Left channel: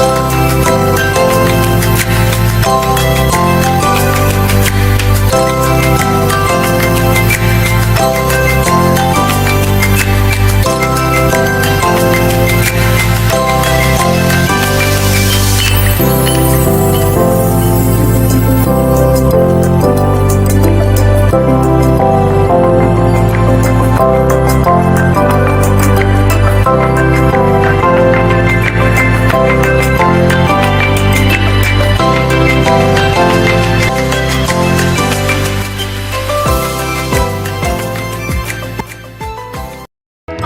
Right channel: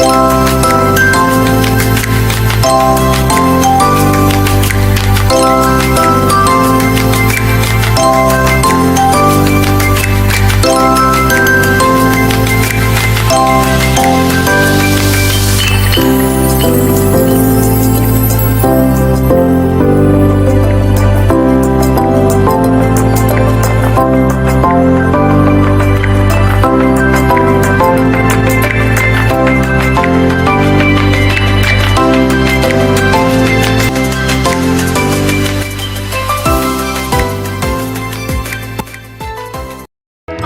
Bye.